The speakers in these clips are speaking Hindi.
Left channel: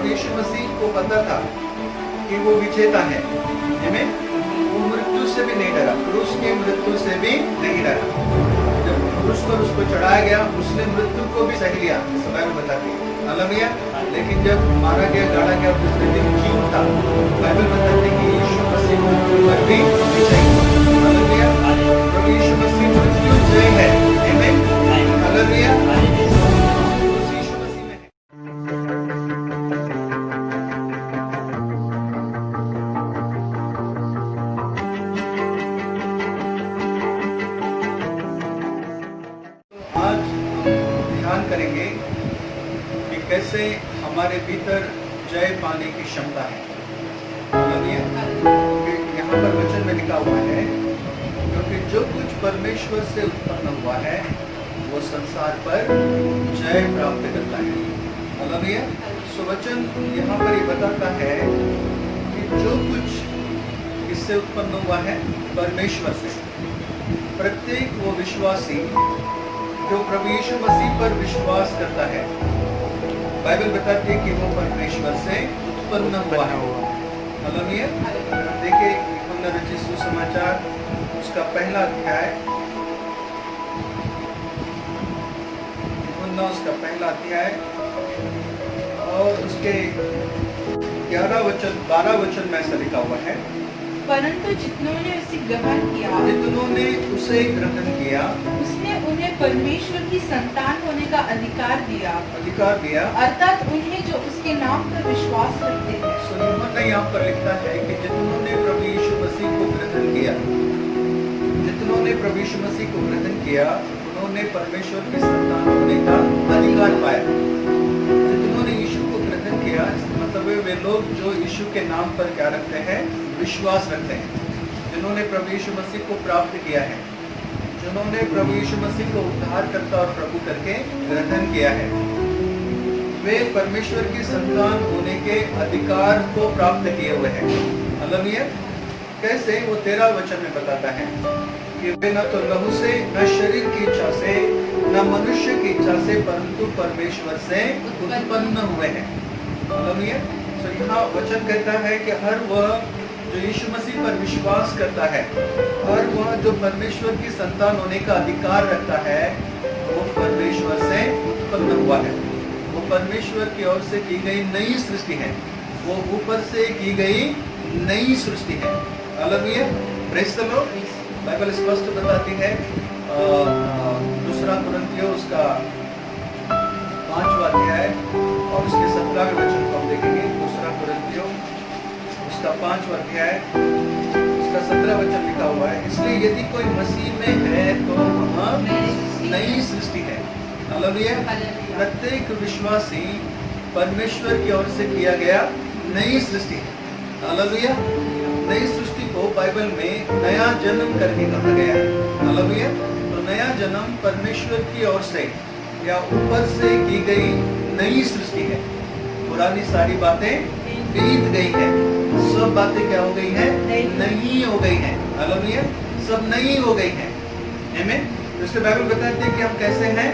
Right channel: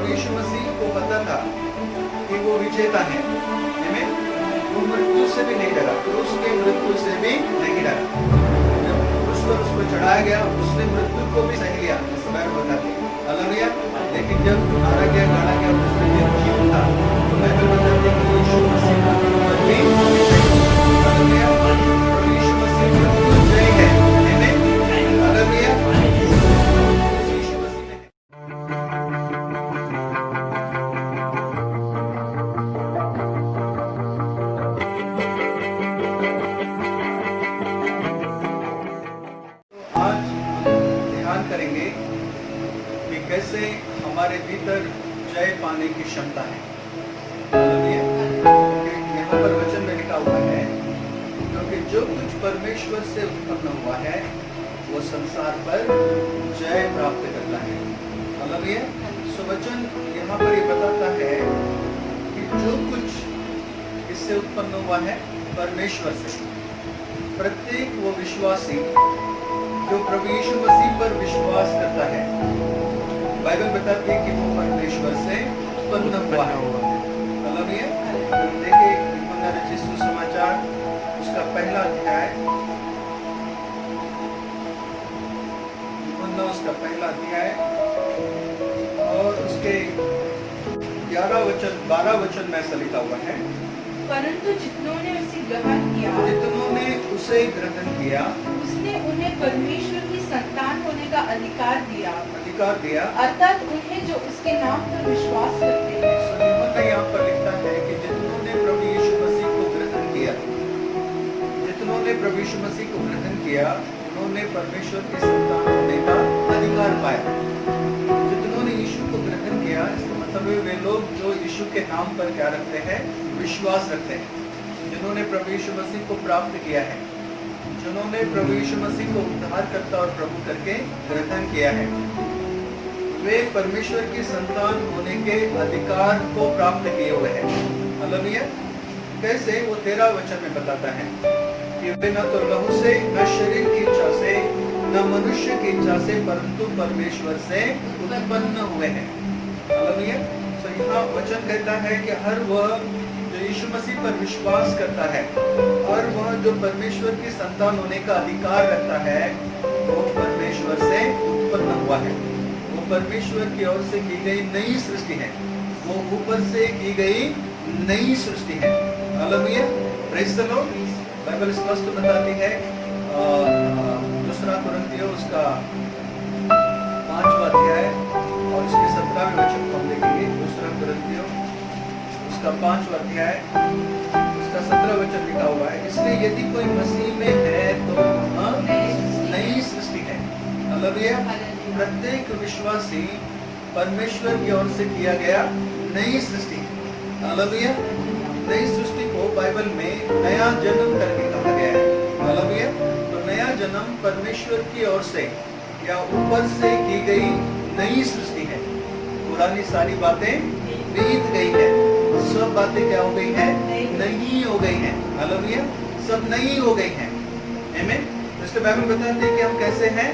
प्रभु यीशु मसीह को पता था कि वो विजेता है। आमीन। वो मृत्यु से भी नहीं डरा, क्रूस के मृत्यु से भी नहीं डरा। जब क्रूस पर उसको चढ़ाया गया, उसने मृत्यु को भी सह लिया, जैसे बाइबल बताती है। हालेलुया। लेकिन जब मारा गया, गाड़ा गया, दूसरे दिन जी उठा, तो बाइबल बताती है कि यीशु मसीह मृत्यु पर भी विजयी। हालेलुया। प्रभु यीशु मसीह मृत्यु जय है। आमीन। हालेलुया। यीशु मसीह में है। आज ध्यान करेंगे कि कैसे हमारे भीतर जय पाने की क्षमता है। क्योंकि यहाँ पर वचन में लिखा हुआ है, क्योंकि जो कुछ परमेश्वर से उत्पन्न हुआ है वो संसार पर जय प्राप्त करता है। हालेलुया। सो वचन यहाँ पर ये बताता है कि जो कुछ इससे उत्पन्न हुआ है परमेश्वर से, प्रत्येक वो विश्वासी जो प्रभु यीशु मसीह पर विश्वास करता है, बाइबल बताती है कि वो परमेश्वर से उत्पन्न हुआ है। हालेलुया। अगर हम देखें यूहन्ना रचित सुसमाचार उसका पहला अध्याय, यूहन्ना उसका पहला अध्याय और उसके 12 वचन में ऐसा लिखा हुआ है, परंतु जितनों ने उसे ग्रहण किया उसने उन्हें परमेश्वर की संतान होने का अधिकार दिया, अर्थात उन्हें जो उसके नाम पर विश्वास रखते हैं। यूहन्ना यहाँ पर लिखता है कि जितनों ने प्रभु यीशु मसीह को ग्रहण किया, उन्होंने परमेश्वर की संतान होने का अधिकार पाया। जितनों ने यीशु को ग्रहण किया, मतलब वे लोग जो यीशु के नाम पर क्या रखते हैं, विश्वास रखते हैं। जिन्होंने प्रभु यीशु मसीह को प्राप्त किया है, जिन्होंने प्रभु यीशु मसीह को उद्धारकर्ता और प्रभु करके ग्रहण किया है, वे परमेश्वर की संतान होने के अधिकार को प्राप्त किए हुए हैं। हालेलुया। कैसे? वो 13 वचन में बताता है कि वे न तो लहू से, न शरीर की इच्छा से, न मनुष्य की इच्छा से, परंतु परमेश्वर से उत्पन्न हुए हैं। हालेलुया। तो यहाँ वचन कहता है कि हर वह जो यीशु मसीह पर विश्वास करता है, और वह जो परमेश्वर की संतान होने का अधिकार रखता है, वो परमेश्वर से उत्पन्न हुआ है। वो परमेश्वर की ओर से की गई नई सृष्टि है, वो ऊपर से की गई नई सृष्टि है। Hallelujah. Praise the Lord. Bible स्पष्ट बताती है, 2 कुरिन्थियों उसका 5वां अध्याय और उसके 17वें वचन को हम देखेंगे। 2 कुरिन्थियों उसका 5वां अध्याय उसका 17 वचन लिखा हुआ है, इसलिए यदि कोई मसीह में है तो वह नई सृष्टि है। हालेलुया। प्रत्येक विश्वासी परमेश्वर की ओर से किया गया नई सृष्टि है। हालेलुया। नई सृष्टि को बाइबल में नया जन्म करके कहा गया है। हालेलुया। तो नया जन्म परमेश्वर की ओर से या ऊपर से की गई नई सृष्टि है। पुरानी सारी बातें बीत गई है, सब बातें क्या हो गई हैं? नई हो गई हैं। हालेलुया। सब नई हो गई हैं। आमीन। तो इसलिए बाइबल बताती है कि हम कैसे हैं?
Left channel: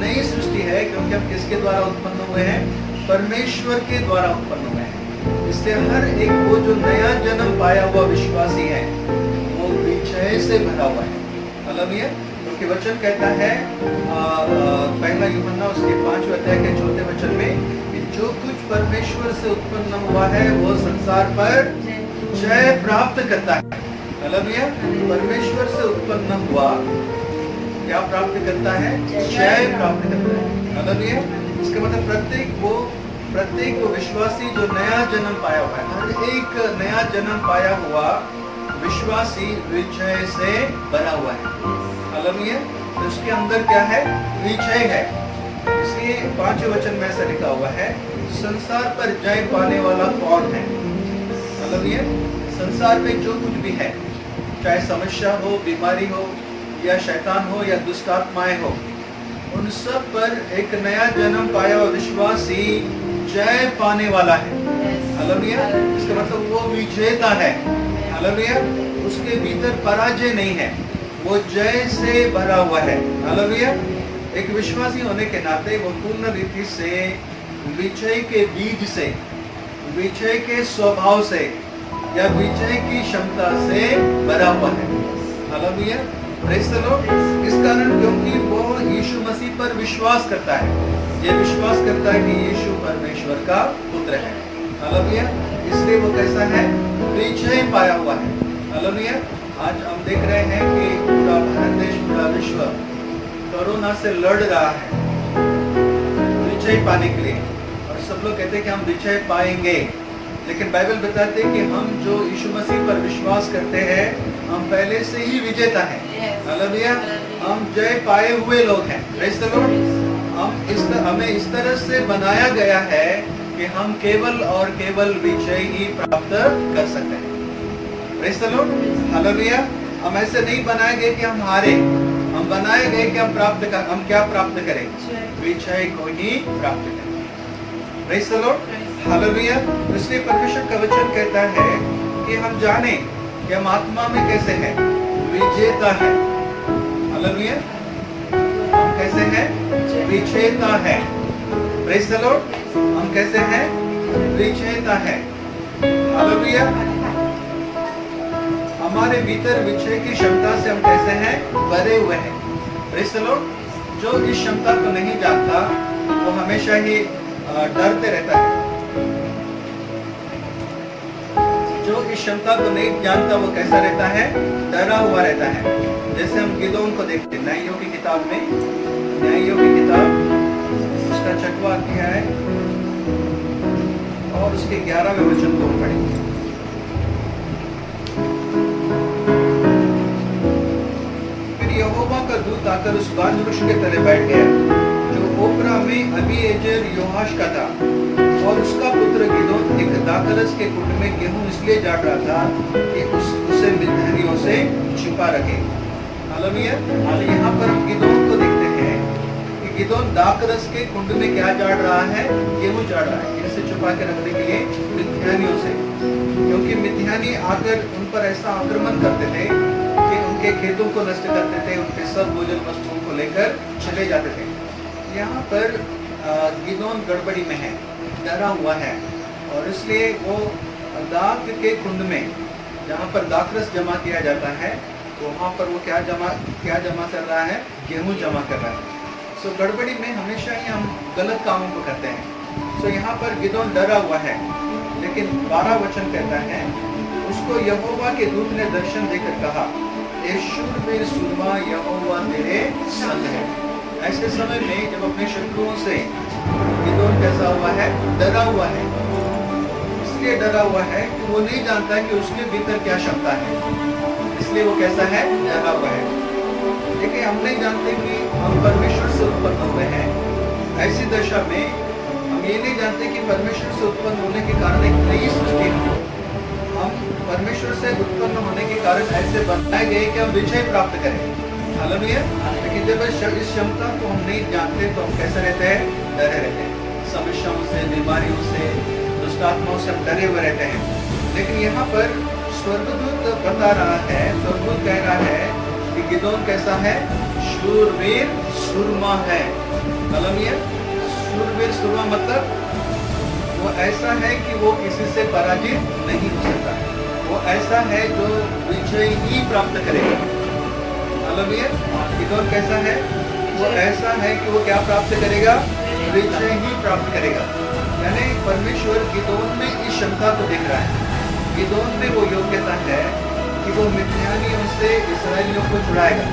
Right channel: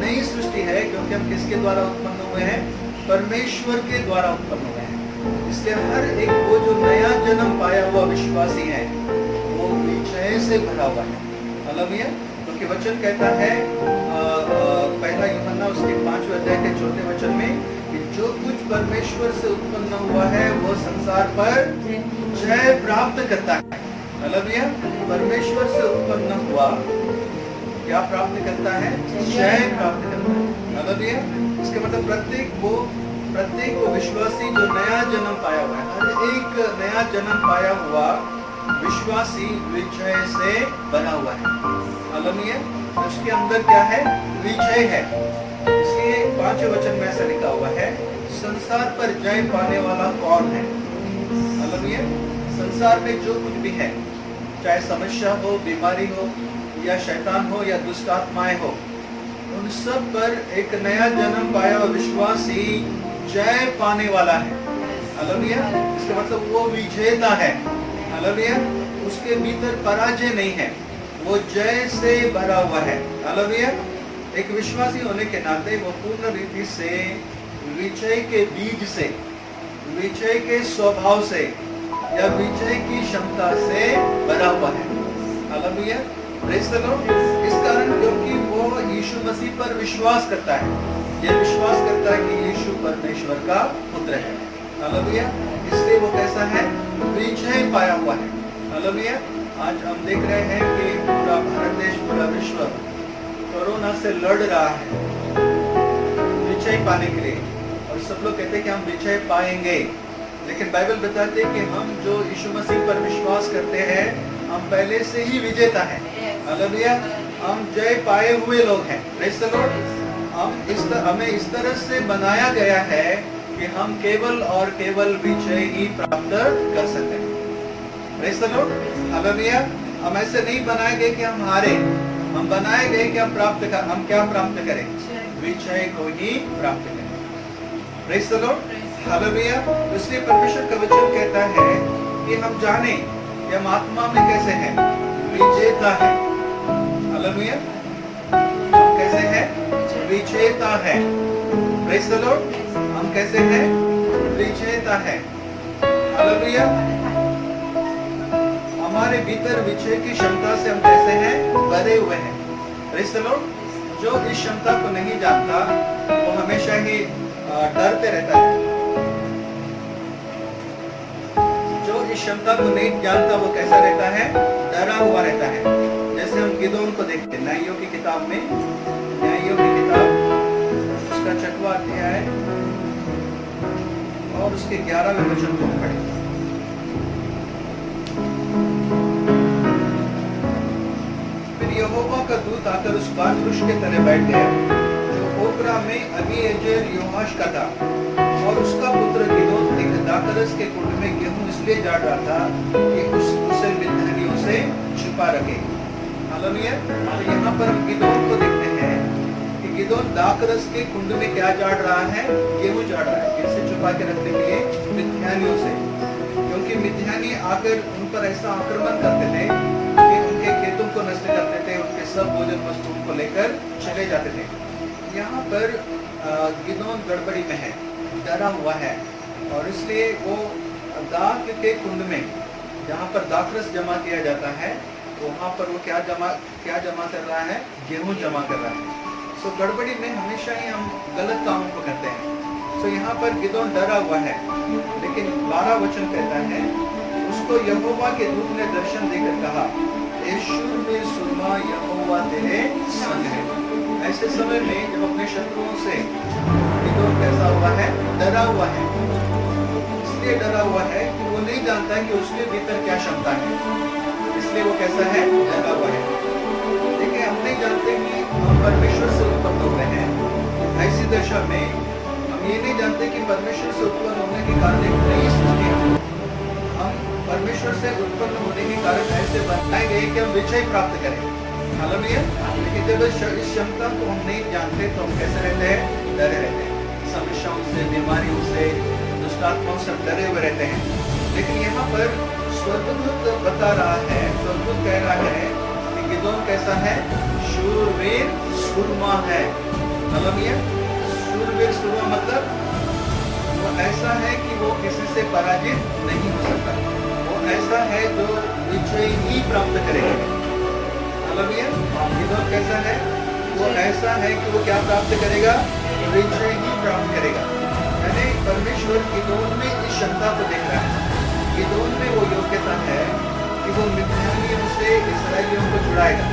नई सृष्टि है, क्योंकि हम किसके द्वारा उत्पन्न हुए हैं? परमेश्वर के द्वारा उत्पन्न हुए हैं। इसलिए हर एक वो जो नया जन्म पाया हुआ विश्वासी है, वो विजय से भरा हुआ है। हालेलुया। क्योंकि वचन कहता है, पहला यूहन्ना उसके 5वें अध्याय के 4वें वचन में, कि जो कुछ परमेश्वर से उत्पन्न हुआ है वो संसार पर जय प्राप्त करता है। हालेलुया। परमेश्वर से उत्पन्न हुआ क्या प्राप्त करता है? जय प्राप्त करता है। हालेलुया। इसका मतलब प्रत्येक वो विश्वासी जो नया जन्म पाया हुआ है, हर एक नया जन्म पाया हुआ विश्वासी विजय से बना हुआ है। हालेलुया। तो उसके अंदर क्या है? विजय है। इसलिए 5वें वचन में ऐसा लिखा हुआ है, संसार पर जय पाने वाला कौन है? हालेलुया। संसार में जो कुछ भी है, चाहे समस्या हो, बीमारी हो, या शैतान हो, या दुष्ट आत्माएं हो, उन सब पर एक नया जन्म पाया हुआ विश्वासी जय पाने वाला है। हालेलुया। इसका मतलब वो विजेता है। हालेलुया। उसके भीतर पराजय नहीं है, वो जय से भरा हुआ है। हालेलुया। एक विश्वासी होने के नाते वो पूर्ण रीति से विजय के बीज से, विजय के स्वभाव से या विजय की क्षमता से भरा हुआ है। Hallelujah, praise the Lord. इस कारण क्योंकि वो यीशु मसीह पर विश्वास करता है, ये विश्वास करता है कि यीशु परमेश्वर का पुत्र है। हालेलुया, इसलिए वो कैसा है? विजय पाया हुआ है। हालेलुया। आज हम देख रहे हैं कि पूरा भारत देश, पूरा विश्व कोरोना से लड़ रहा है विजय पाने के लिए, और सब लोग कहते हैं कि हम विजय पाएंगे, लेकिन बाइबल बताते हैं कि हम जो यीशु मसीह पर विश्वास करते हैं हम पहले से ही विजेता हैं। हालेलुया, हम जय पाए हुए लोग हैं। Praise the Lord. हमें इस तरह से बनाया गया है कि हम केवल और केवल विजय ही प्राप्त कर सकते हैं। Praise the Lord. हालेलुया। हम ऐसे नहीं बनाए गए कि हम हारे, हम बनाए गए कि हम क्या प्राप्त करें? विजय को ही प्राप्त करें। Praise the Lord. हालेलुया। इसलिए परमेश्वर का वचन कहता है कि हम जाने कि हम आत्मा में कैसे हैं? विजेता है। हालेलुया, हम कैसे हैं? विजेता है। Praise the Lord. हम कैसे हैं? विजेता है। हालेलुया। हमारे भीतर विजय की क्षमता से हम कैसे हैं? भरे हुए हैं। Praise the Lord. जो इस क्षमता को नहीं जानता वो हमेशा ही डरते रहता है। जो इस क्षमता को नहीं जानता वो कैसा रहता है? डरा हुआ रहता है। जैसे हम गिदोन को देखते हैं न्यायों की किताब में, न्यायों की किताब उसका 6वां अध्याय और उसके 11वें वचन को हम पढ़ेंगे। फिर यहोवा का दूत आकर उस बांज वृक्ष के तले बैठ गया जो ओप्रा में अबीएजेर योआश का था, और उसका पुत्र गिदोन एक दाखरस के कुंड में गेहूं इसलिए झाड़ रहा था कि उसे मिद्यानियों से छिपा रखे। हालेलुया। तो यहाँ पर हम गिदोन को देखते हैं कि गिदोन दाखरस के कुंड में क्या झाड़ रहा है? गेहूं झाड़ रहा है, इसे छुपा के रखने के लिए मिद्यानियों से, क्योंकि मिद्यानी आकर उन पर ऐसा आक्रमण करते थे कि उनके खेतों को नष्ट करते थे, उनके सब भोजन वस्तुओं को लेकर चले जाते थे। यहाँ पर गिदोन गड़बड़ी में है, डरा हुआ है, और इसलिए वो दाख के कुंड में जहाँ पर दाखरस जमा किया जाता है वहाँ पर वो क्या जमा कर रहा है? गेहूं जमा कर रहा है। सो गड़बड़ी में हमेशा ही हम गलत कामों को करते हैं। सो यहाँ पर गिदोन डरा हुआ है, लेकिन 12 वचन कहता है उसको यहोवा के दूत ने दर्शन देकर कहा, ए शूरवीर सुरमा, यहोवा तेरे संग है। ऐसे समय में जब अपने शत्रुओं से गिदोन कैसा हुआ है? डरा हुआ है। इसलिए डरा हुआ है कि वो नहीं जानता कि उसके भीतर क्या क्षमता है, इसलिए वो कैसा है? डरा हुआ है। देखिए, हम नहीं जानते कि हम परमेश्वर से उत्पन्न हुए हैं। ऐसी दशा में हम ये नहीं जानते कि परमेश्वर से उत्पन्न होने के कारण एक नई सृष्टि है। हम परमेश्वर से उत्पन्न होने के कारण ऐसे बनाए गए कि हम विजय प्राप्त करें। हालेलुया। लेकिन जब इस क्षमता को हम नहीं जानते तो हम कैसे रहते हैं? डरे रहते हैं। समस्याओं से, बीमारियों से, दुष्ट आत्माओं से डरे हुए रहते हैं। लेकिन यहाँ पर स्वर्गदूत बता रहा है, स्वर्गदूत कह रहा है कि गिदोन कैसा है? शूरवीर सुरमा है। हालेलुया। शूरवीर सुरमा मतलब वो ऐसा है कि वो किसी से पराजित नहीं हो सकता। वो ऐसा है जो विजय ही प्राप्त करेगा। हालेलुया। गिदोन कैसा है? वो ऐसा है कि वो क्या प्राप्त करेगा? विजय ही प्राप्त करेगा। यानी परमेश्वर गिदोन में इस क्षमता को देख रहा है। गिदोन में वो योग्यता है कि वो मिद्यानियों से इस्राएलियों को छुड़ाएगा।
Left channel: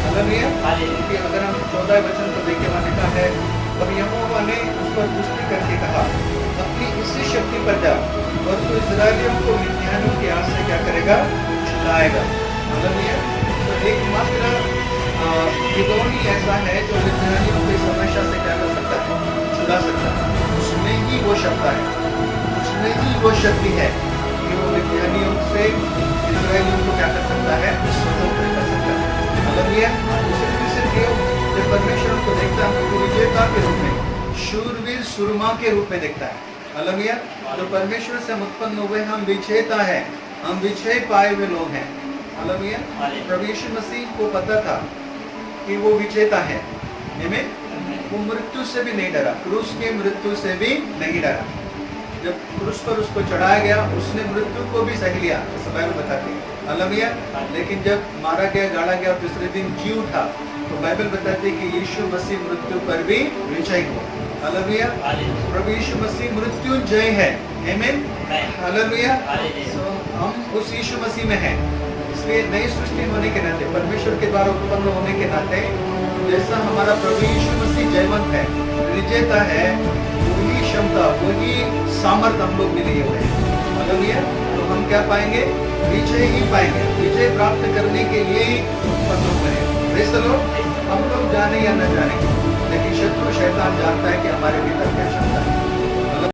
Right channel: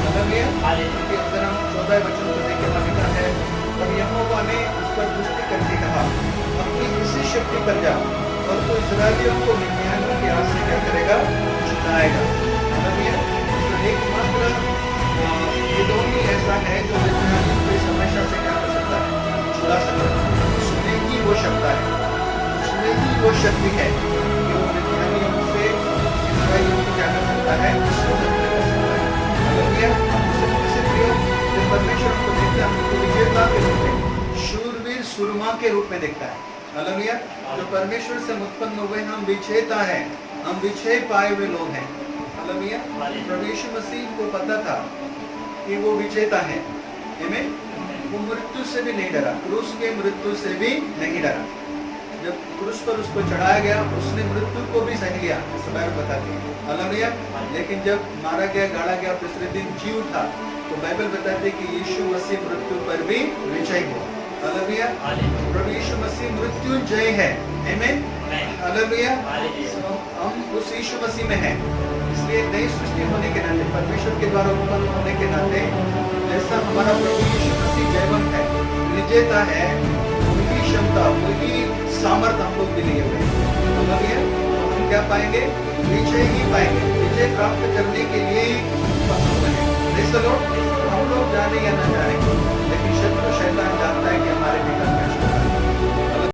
हालेलुया। क्योंकि अगर हम 14 वचन को देखें, वहाँ लिखा है, तब यहोवा ने उस पर पुष्टि करके कहा, अपनी इसी शक्ति पर जा और तू इस्राएलियों को मिद्यानियों के हाथ से क्या करेगा? छुड़ाएगा। हालेलुया। तो एकमात्र गिदोन ही ऐसा है जो मिद्यानियों को इस समस्या से क्या कर सकता है? छुड़ा सकता है। उसमें ही वो क्षमता है, उसमें ही वो शक्ति है कि वो मिद्यानियों से इस्राएलियों को क्या कर सकता है? स्वतंत्र कर सकता है। हालेलुया। जब परमेश्वर हमको देखता है, हमको विजेता के रूप में, शूरवीर सुरमा के रूप में देखता है। हालेलुया। जो परमेश्वर से उत्पन्न हुए हम विजेता है, हम विजय पाए हुए लोग हैं। हालेलुया। प्रभु यीशु मसीह को पता था कि वो विजेता है। आमीन। वो मृत्यु से भी नहीं डरा, क्रूस के मृत्यु से भी नहीं डरा। जब क्रूस पर उसको चढ़ाया गया उसने मृत्यु को भी सह लिया, ऐसा बाइबल बताती है। हालेलुया। लेकिन जब मारा गया, गाड़ा गया, तीसरे दिन जी उठा, तो बाइबल बताती है कि यीशु मसीह मृत्यु पर भी विजयी हुआ। हालेलुया। प्रभु यीशु मसीह मृत्युंजय है। आमीन। हालेलुया। हम उस यीशु मसीह में हैं, इसलिए नई सृष्टि होने के नाते, परमेश्वर के द्वारा उत्पन्न होने के नाते, जैसा हमारा प्रभु यीशु मसीह जयवंत है, विजेता है, वही क्षमता, वही सामर्थ हम लोग भी लिए हुए हैं। हालेलुया। तो हम क्या पाएंगे? विजय ही पाएंगे। विजय प्राप्त करने के लिए ही उत्पन्न हुए हैं। Praise the Lord. हम लोग जाने या न जाने, लेकिन शत्रु शैतान जानता है कि हमारे भीतर क्या क्षमता है।